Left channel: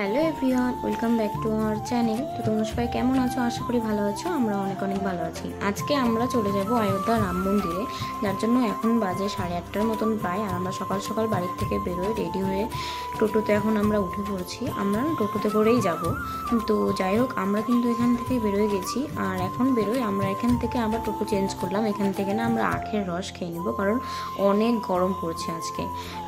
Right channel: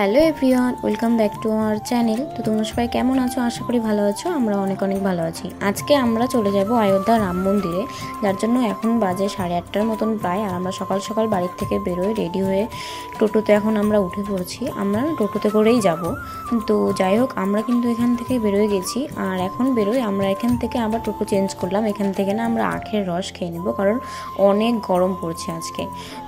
Hello everyone, welcome back to our channel. তো তোমরা সবাই কেমন আছো? আশা করি ভালো আছো। আমরা অনেক অনেক ভালো আছি। আজকে আমরা চলে যাব অযোধ্যা রাম মন্দিরে, যার জন্য এখন বাজে 8:30টার মতন প্রায়। আর আমরা সকাল সকাল বাড়ির থেকে বেরোয় রেডি হয়ে টোটোতে এখন আমরা উঠে পড়ছি। আমরা টোটোতে করেই যাব। তো যাই হোক, আমরা কিন্তু এখান থেকে বেরোয় গেছি। আর এখন বেরোই আমরা এখান থেকে, আবার টোটো চেঞ্জ করলাম। এখান থেকে না আমরা আখের রস খেয়ে নেব, কারণ অনেক গরম পড়ছে আজকে।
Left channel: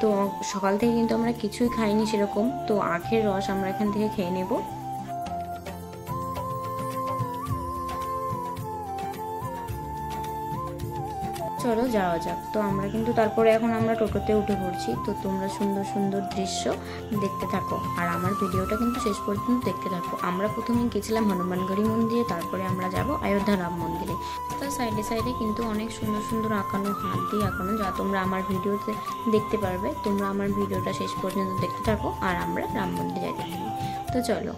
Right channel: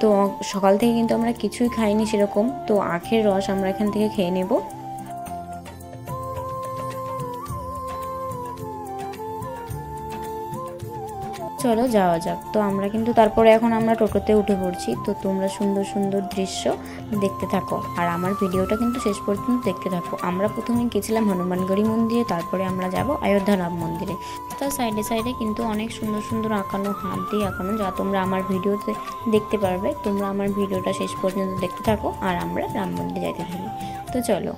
তো সকাল থেকে কিন্তু আমরা কিছুই খাইনি সেরকম। তো আখের রস আমরা এখান থেকে খেয়ে নেব। চলো যাওয়া যাক। তো আমরা কিন্তু তারপরে এখন আমরা টোটোতে উঠে পড়ছি। তো তোমরা সুন্দর সুন্দর দৃশ্য দেখতে থাকো, আর আমার ভিডিওটা কিন্তু শেষ পর্যন্ত দেখতে থাকো। আমরা প্রথমে গেছিলাম হনুমানগড়ি মন্দিরে, তারপরে আমরা যাব অযোধ্যা রাম মন্দিরে। তার সাইডে সাইডে কিন্তু অনেক সুন্দর সুন্দর আঁকানো, হাত দিয়ে আঁকানো, যা তোমরা আমার ভিডিওতে দেখতে পারবে। তোমরা আমার ভিডিওটা শেষ পর্যন্ত দেখতে থাকো, আর আমরা রাম মন্দিরে যাইতে থাকি। তো চলো।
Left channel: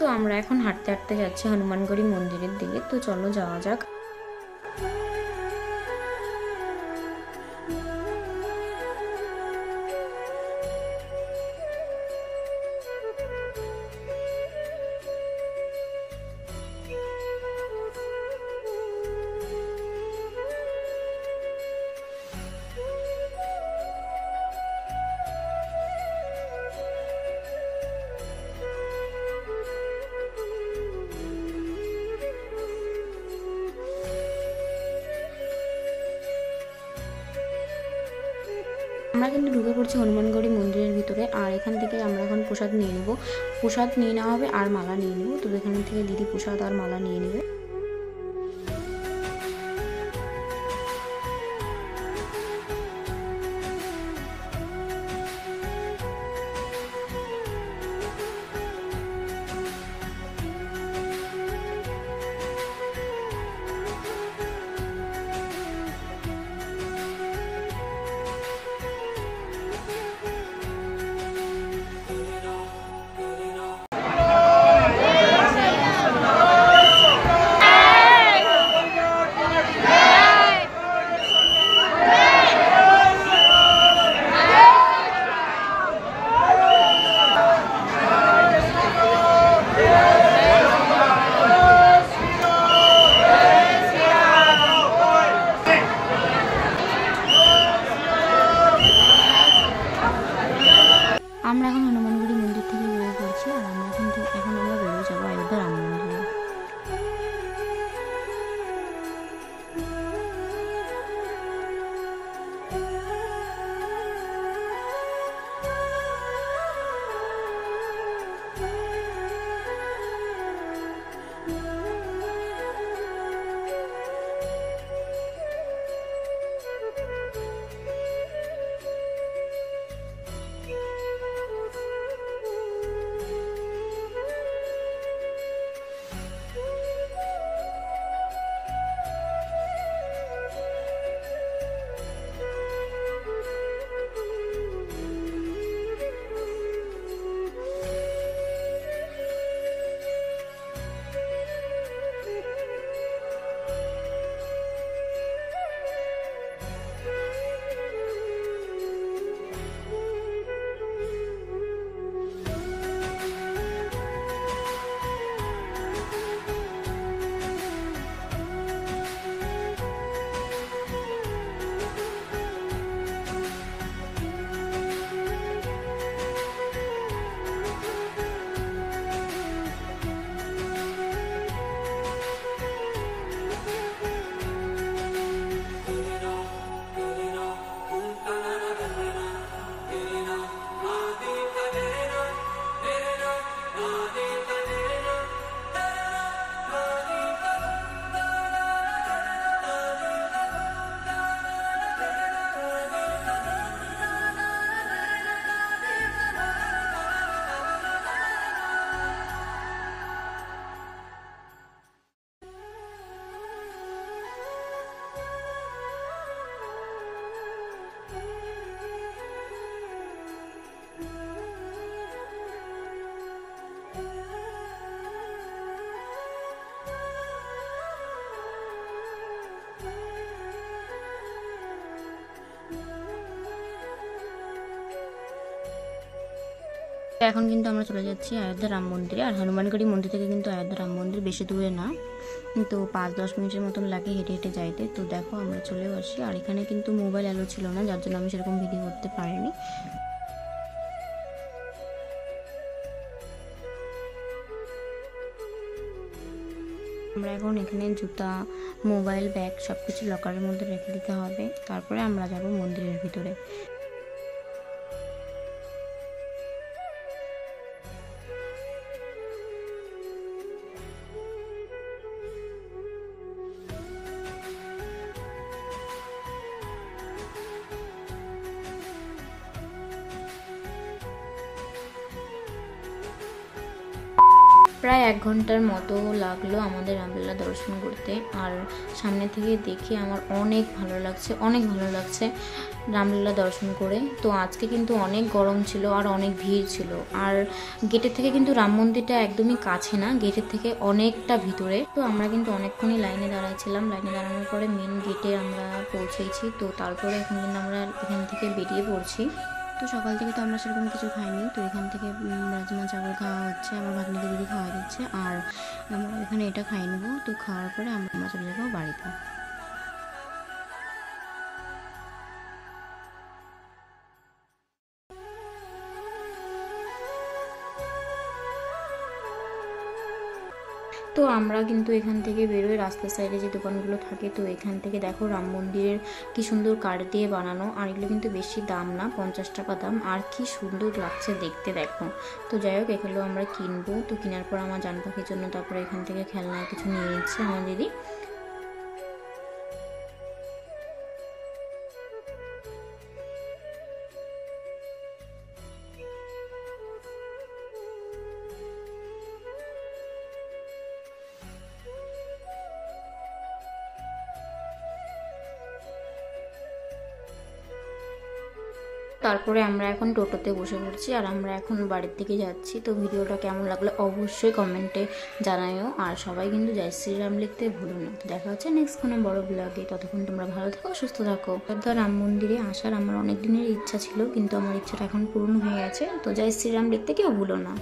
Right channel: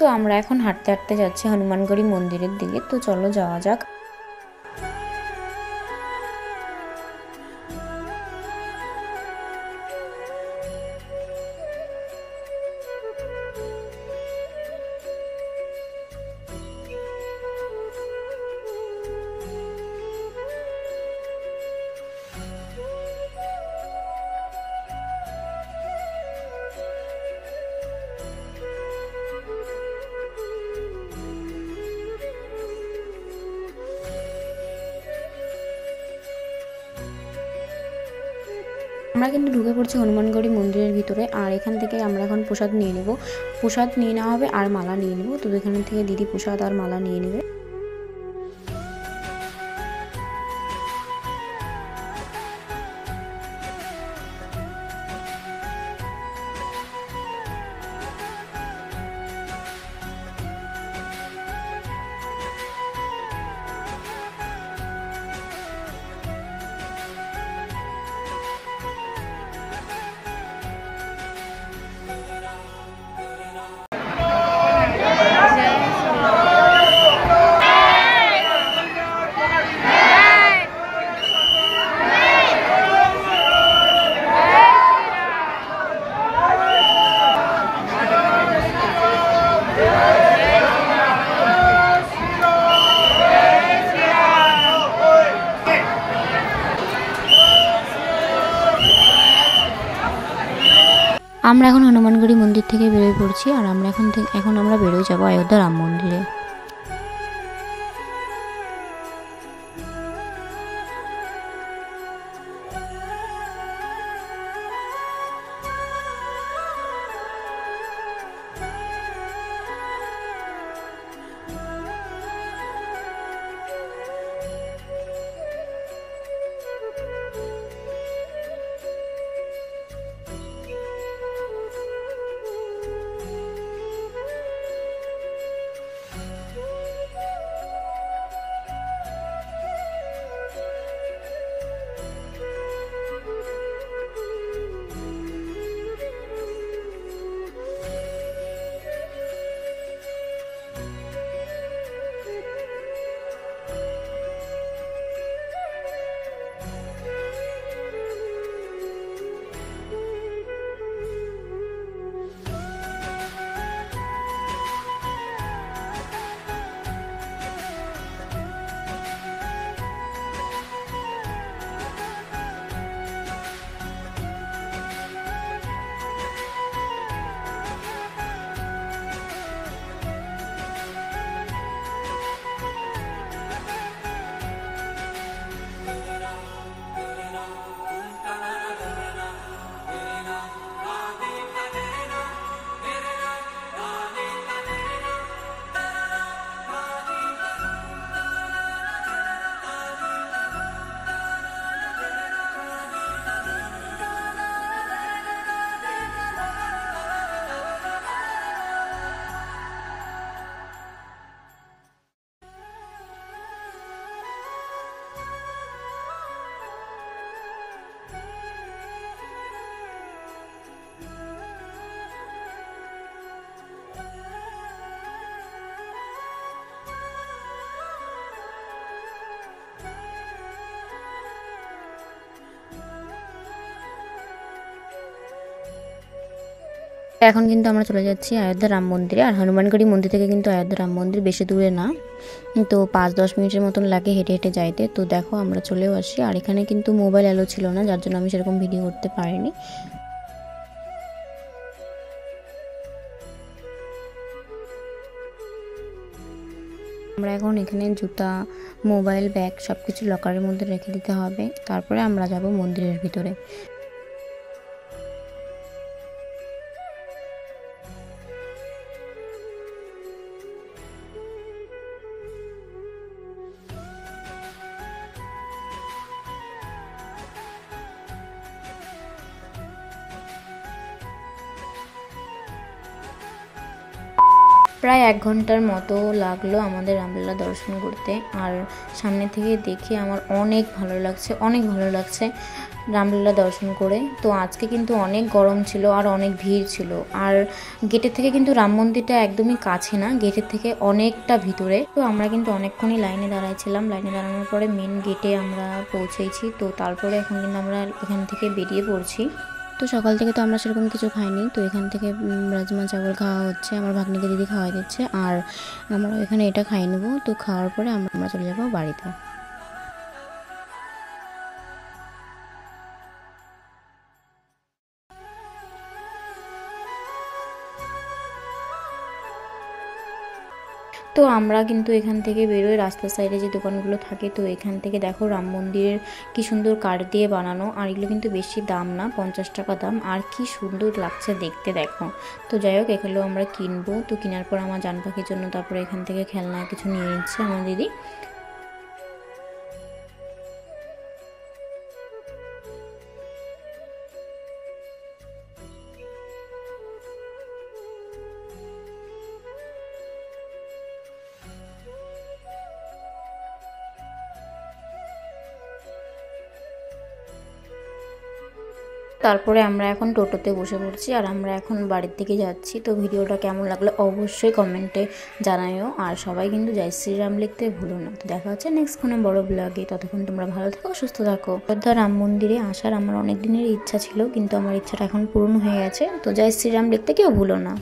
তো আমরা এখন হাঁটতে হাঁটতে যাচ্ছি হনুমানগড়ি মন্দিরের দিকে। তো চলো যাওয়া যাক। আমরা কিন্তু ঢুকে পড়ছি হনুমানগড়ি মন্দিরের ভিতরে। আর এখান থেকে আমরা এখন প্রসাদ নিয়ে নেব। প্রসাদ নিয়ে নেওয়া হবে আর মালা নিয়ে নেব। তো এখান থেকে দিদি প্রসাদ আর মালা নিয়ে নেবে। আমরা এখন হনুমানগড়ি মন্দির থেকে বেরোয় পড়ছি, আর আমরা এখন আমরা বেরোয় যাবো অযোধ্যা রাম মন্দিরে। এখন কিন্তু আমরা চলে যাচ্ছি অযোধ্যা রাম মন্দিরে। আর হনুমানগড়ি মন্দির থেকে কিন্তু অযোধ্যা রাম মন্দির বেশি দূরে না, তো 5-10 মিনিটের মতন লাগে হেঁটে হেঁটে যাইতে। তো দেখো আমরা চলেও আসি, আর এখানে কিন্তু মোবাইল অ্যালো ছিল না, যার জন্য আমি সেরকম ভিডিও করতে পারিনি। আমরা এখন এখানে জুতা, মোবাইল, ব্যাগ সব কিছু লকারের মধ্যে রেখে দিতে হবে, তারপরে আমরা যাব মন্দিরের ভিতরে। প্রায় 1 ঘন্টার মতো লাগলো আমাদের রামলালা দর্শন করতে। আর সামনে থেকে দেখে আমার অনেক ভালো লাগছে রামলালা দর্শন করে। তো আজকে কিন্তু অনেক গরম ছিল আর অনেক ভিড় ছিল। আর গেটের থেকে কিন্তু রাম মন্দিরটা একদমই কাছে না, গেটের থেকে অনেকটা ভিতরে। তো আমরা কিন্তু অনেকক্ষণই লাইনে দাঁড়াচ্ছিলাম। লাইনে দাঁড়ানোর পরে মেন গেটে আমরা পৌঁছেছি। তো তারপরে এখন কিন্তু আমরা এখান থেকে বেরিয়ে পড়ছি। তো সকাল থেকে তো আমরা সেরকম কিছু খাইনি, তো এখান থেকে রাজমা চাवल খাওয়া হচ্ছে, আমার ভাগ্নিকে দিদি খাওয়া দিচ্ছে, আর আমরা এখানে এটা খাই নেবো। তো খাওয়ার পরে আমরা চলে যাবো বাড়িতে। তো আমরা কিন্তু এখান থেকে বেরোয় রাস্তার সাইডে যে দোকানগুলো থাকে, তো এখান থেকে দেখো রাম মন্দিরের কি সুন্দর কাঠ দিয়ে বানানো, আর এগুলো কিন্তু বেশি দাম না, 50 টাকা দাম, আর কি সুন্দর লাগছে দেখতে দেখো। তো যাই হোক এগুলো আমরা কিনবো। তো কেনার পর আমার জান পাখির জন্য তারপরে এখান থেকে খেলনা কিছু নিয়ে নিচ্ছে আমার দিদি। তারপরে আমরা এখন টোটোতে বসে পড়ছি, আর আমরা এখন বাড়ির দিকে যাচ্ছি। তো ভিডিওটা কেমন লাগলো অবশ্যই কমেন্টে জানাইও, আর সবাই কিন্তু জয় শ্রীরাম লিখতে ভুলো না। তো দেখা হচ্ছে নেক্সট কোনো বড় ব্লগে, ততক্ষণ তোমরা ভালো থাকো, সুস্থ থাকো। অযোধ্যা রাম মন্দিরে আসার আমার অনেক দিনের ইচ্ছা ছিল, কিন্তু আমার ইচ্ছাটা এখন পূর্ণ হয়ে গেছে। তো জয় শ্রীরাম লিখতে কেউ ভুলো না।